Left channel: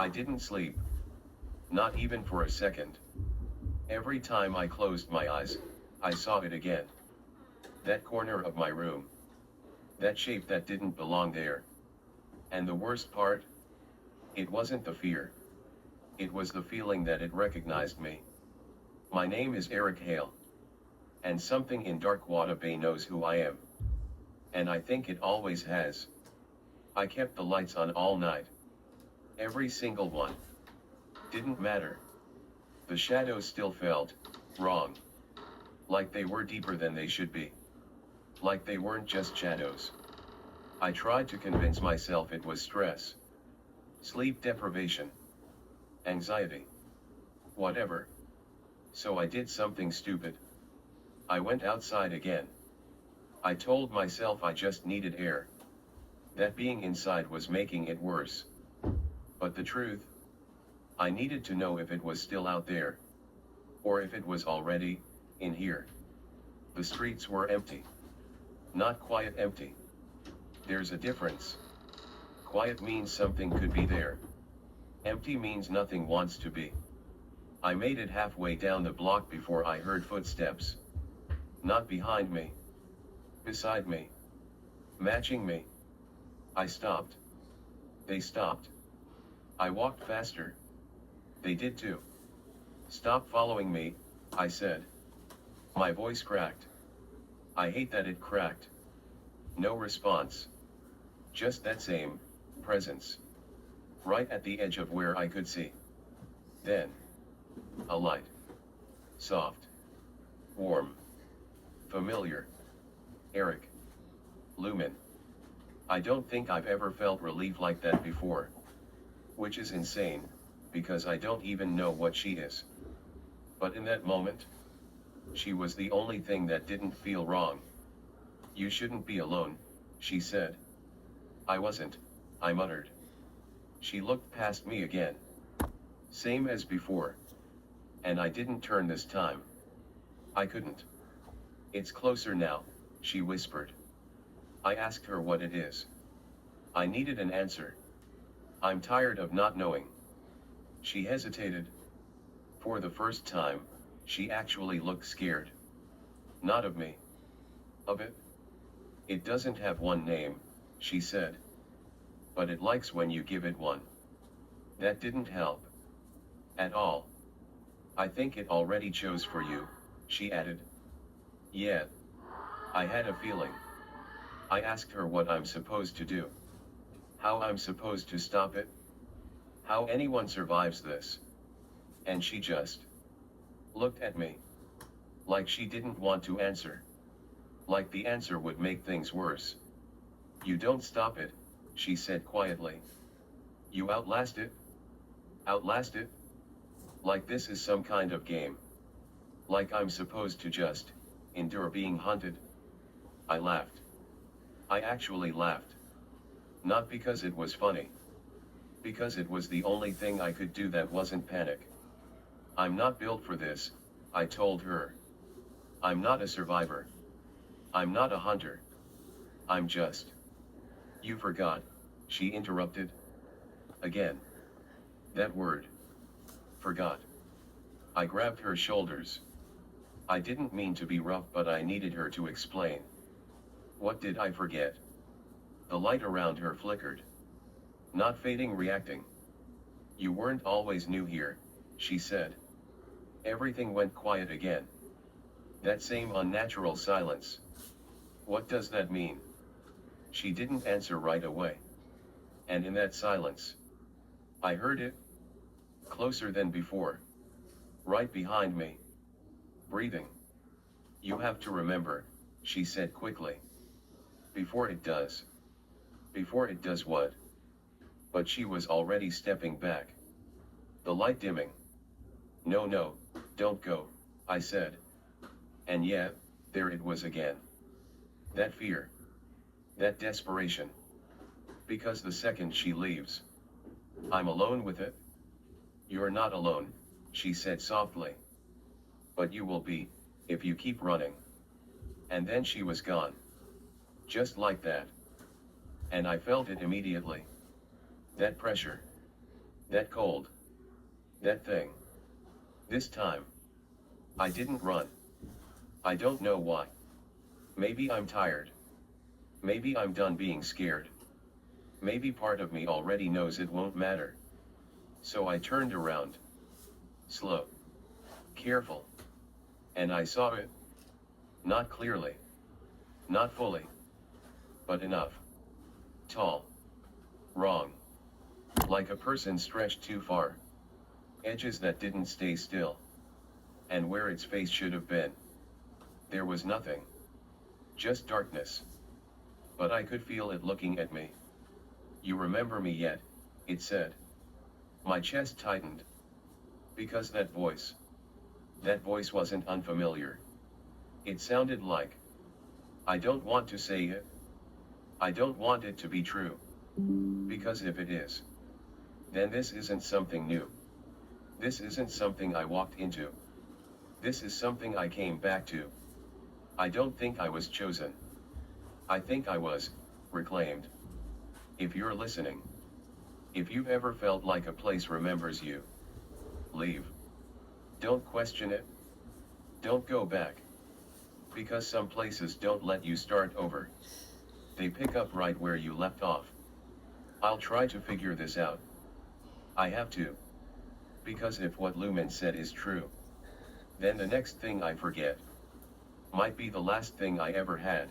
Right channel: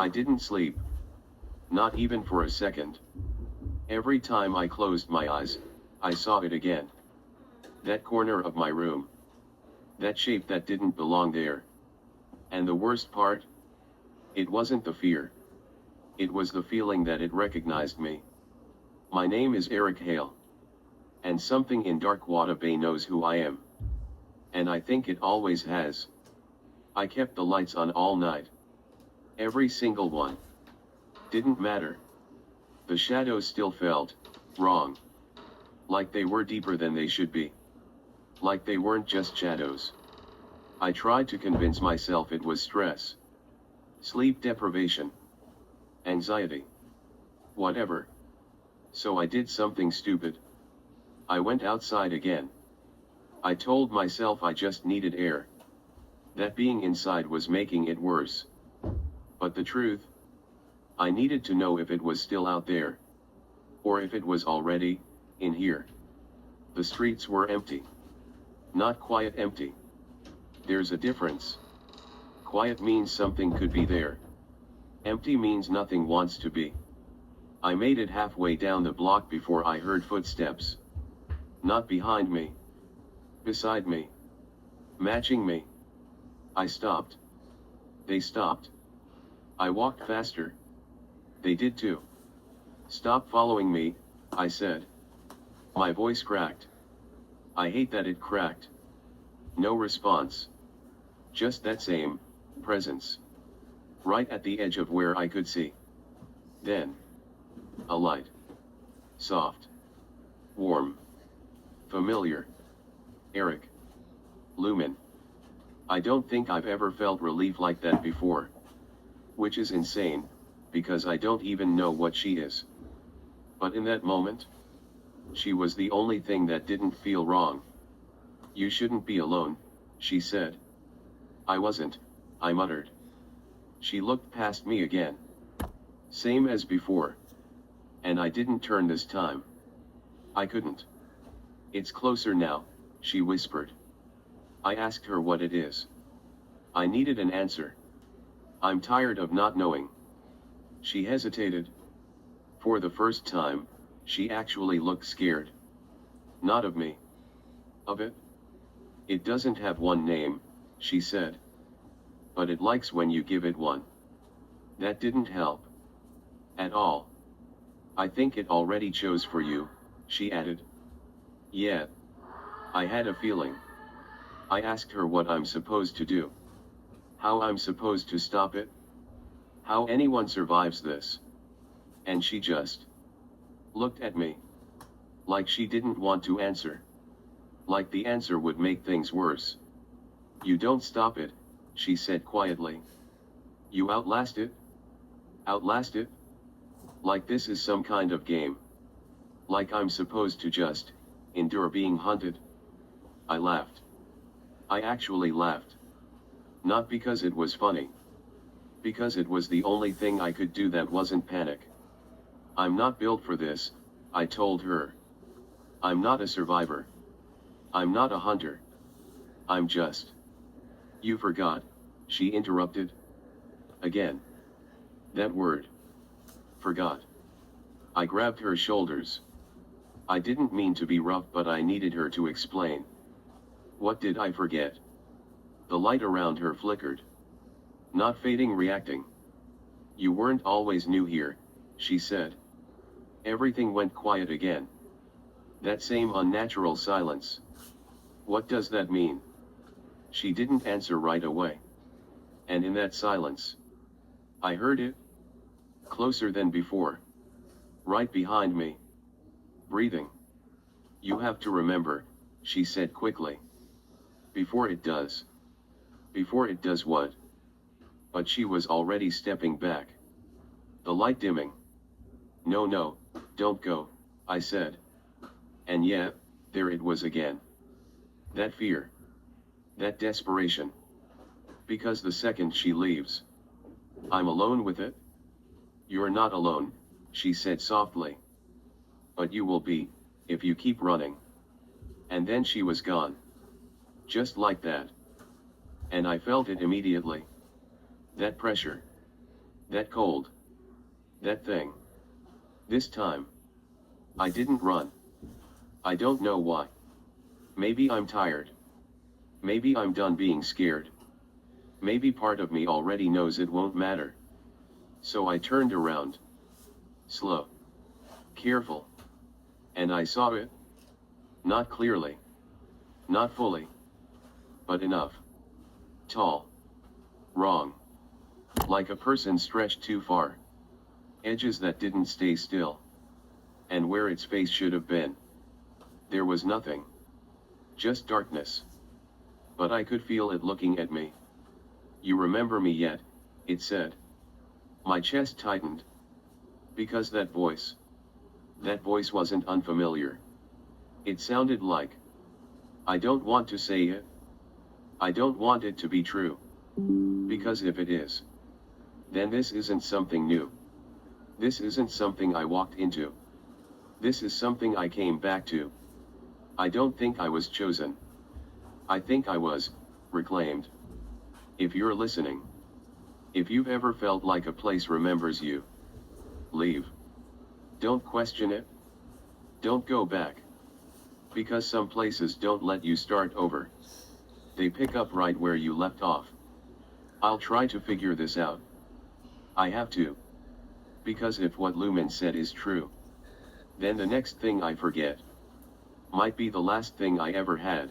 I didn't sleep. Not even for a second. Every time I closed my eyes, I saw it again. That corner of my room. That shape that didn't belong there. And the worst part? It wasn't the fear. It was the feeling that it recognized me. My name is Eric Hale. And something in Darkwater Bay knows who I am. And I think it always has. I kept the lights on all night. Every single one. Didn't matter. The shadows still felt wrong. Like they were deeper than they should be. Like they weren't just shadows. I tried to convince myself it was stress. Sleep deprivation. Anxiety. Whatever. So I did something stupid. I went outside again. I told myself I just needed air. That being inside was making it worse. But the truth? I needed to know if it was still out there. Or if it was already in here. The streets were empty. Not quiet empty. There's a difference. Quiet means something could be there. Empty means nothing wants to be. I made it halfway down the block before I heard footsteps. Not behind me. Beside me. Matching me. I stopped. They stopped. I walked faster. They did too. Stop following me, I said. My voice cracked. I hate that it cracked. No response. Just that same presence. Right at the edge of where I could see. Then. A light. Soft. Warm. Familiar. Eric. Lumen. I don't think I've ever felt relief like that before. Which is insane, because I don't even know what she is. But in that moment, she was the only thing that didn't feel wrong. You shouldn't be alone, she said. I wasn't, I muttered. She looked past me again. Same as before. And I didn't turn this time. I couldn't. It's closer now, she whispered. I asked her what it is. I needed an answer. I'm tired of not knowing. She hesitated. For the first time, she actually looked scared. Not of me. Of it? It doesn't have one name, she said. But it likes when you give it one. That didn't help. At all. I think it already chose for you, she added. Yeah. I had a feeling. I asked her what I'm supposed to do. How I'm supposed to stop it. How anyone survives this. And she just looked at me. Like she didn't want to answer. Like the answer would make things worse. You don't stop it, she said quietly. You outlast it? Outlast it? Like this is some kind of game. Like I'm supposed to just endure being hunted. I laughed. I actually laughed. Not because it was funny. Because it was the only thing I could do that wasn't panic. I'm not built for this, I told her. I'm not a survivor. I'm not a hunter. I'm just. You forgot, she interrupted. Again. That word. Forgot. I grabbed her shoulders. I didn't mean to be rough, but I needed her to explain. What did I forget? The light around her flickered. Not fading, reacting. You weren't always new here, she said. Everything went quiet again. That same unnatural silence. What does that mean? She didn't answer right away. And in that silence, I heard it. Closer than before. Right behind me. Breathing. You have to remember, she said quickly. Before it does. Before it does what? But she was already stepping back. The light dimming. No, don't go, I said. And yet, there it was again. That fear. That desperation. Because the second she leaves, I'm alone with it. You're not alone, she said softly. But you will be, if you keep running. And then she was gone. Just like that. And I felt it immediately. That pressure. That cold. That thing. This time. I didn't run. I don't know why. Maybe I'm tired. Maybe I'm done being scared. Maybe part of me already knows it won't matter. So I turned around. Slow. Careful. And I saw it. Not clearly. Not fully. But enough. Tall. Wrong. Like a person stretched too far. Edges that didn't stay still. And where its face should have been, there was nothing. Just darkness. But I could feel it looking at me. You remember me yet? It said. My chest tightened. Because that voice wasn't unfamiliar. It sounded like, I don't want to say it. I don't want it to be true. Because if it is, then this isn't something new. This isn't something I walked into. This is something I came back to. I don't think I was chosen. I think I was reclaimed. If you're listening, if you've ever felt like a place remembers you, leave. Don't question it. Don't go back. Because some places don't let you start over. They pick up right where you left off. I'll try to figure this out. I have to. Because if what Lumen said is true, then the next thing I forget might be the last thing I ever had.